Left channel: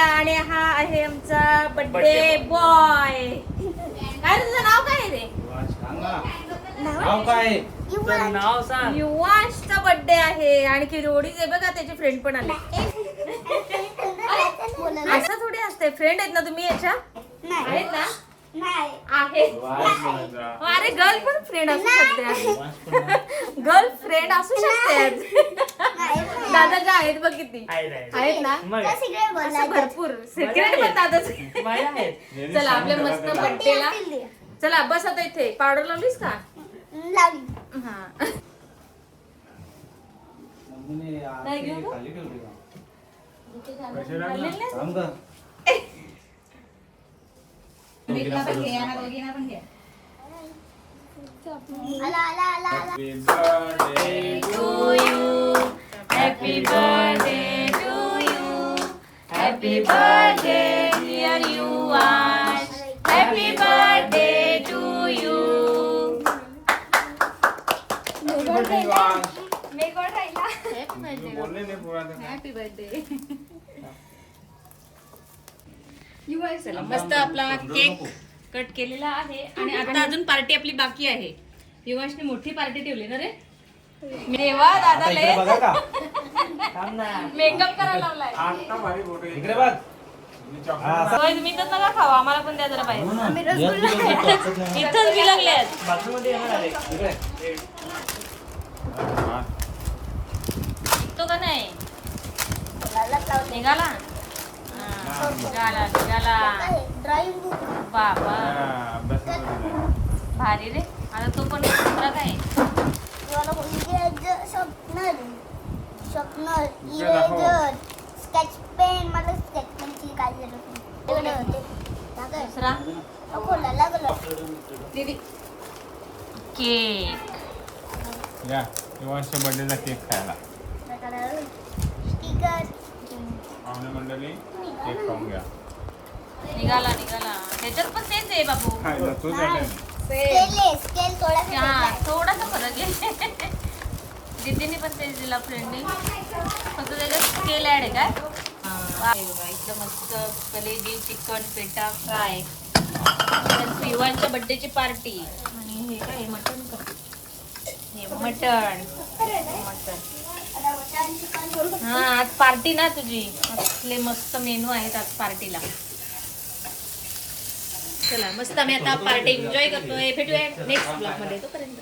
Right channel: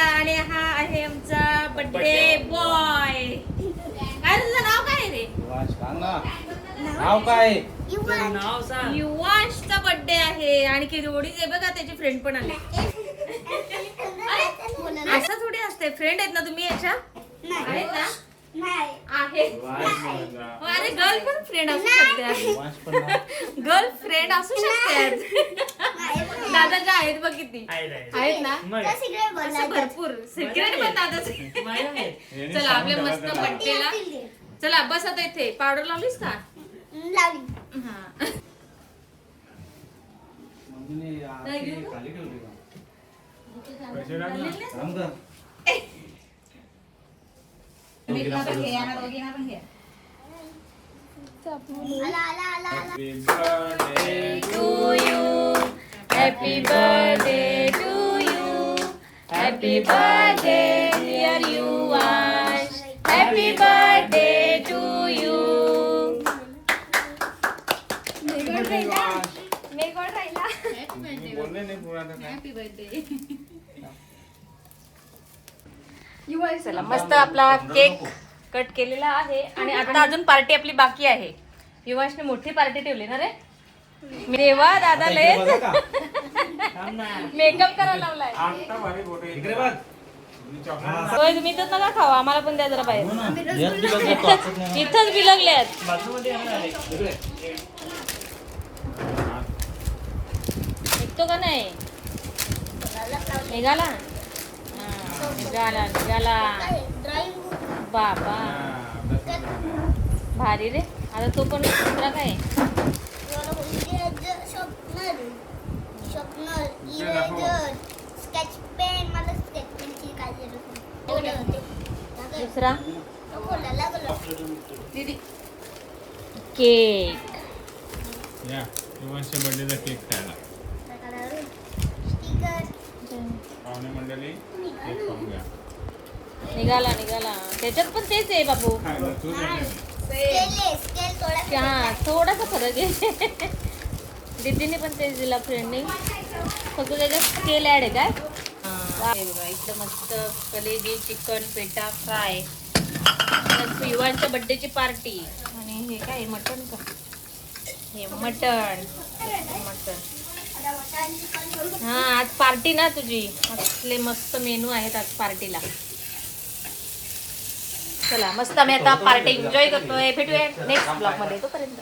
केलेला आणि हा आहे आमचा बर्थडे बॉय. काय तुझं नाव काय रे? नाव काय? नाव सांग. युवांशचा बर्थडे आहे आणि किरोडी आहे बघा, त्याचे फ्रेंड पण आले. असं थोडी असते, फ्रेंड आहेत ना तुम्ही याच्या? आहेत ना? आहे. अरे गर्ल पण फ्रेंड असू शकते, गर्ल फ्रेंड असू शकते. दादाच्या आहेत बघ किती आहेत ना, असं भरपूर सिक्रेट पण दादाचे. चला आपल्या मस्त बर्थडेला चला बस आता इथे. पावडर लावलीस का? हा. मीठला पण घे आणि दोघींना पण घे. Happy birthday to you. Happy birthday dear Yuvash. Happy birthday to you. Happy birthday. चला मस्त आपला केक कट केलेला आहे आणि आता अजून पार्टी आपली बाकी आहे. युवाशने मोठी पार्टी ठेवली ना रे. देवा दादाले मेकअप करायला लागलाय. तुम्ही तर नका खावा, आम्हाला पण द्या जरा पाहिजे. इथंच बिलगले तो का नाही निघाला भारी रे. आता तो पण काय स्केच पेन, मला स्केच पेनची काय दुसरा दीदी केक. युवांशच्या बर्थडेचा केक खायला स्टिकर पाहुणे मंडळी केक खाऊन घ्या. निघाला त्याच्यात पण तेच आहे बाबू. खायला तू स्केल थोडासा फरक आहे. दीदीने पण तेच दिला फ्रेंडने, फक्त त्याच्यात स्केल ऍड आहे काय. एकदम मस्त कलेजी चिकन पेटा फ्राय. युवांच्या बर्थडेची पार्टी आणि हे काय मटण का, हे मटण. हा आज पार्टी ना तुझी, असले मस्त मेनू आहेत आज पार्टीला. चला मस्त आम्ही आता पार्टी एन्जॉय करतोय. भेटूया नेक्स्ट ब्लॉग मध्ये, तोपर्यंत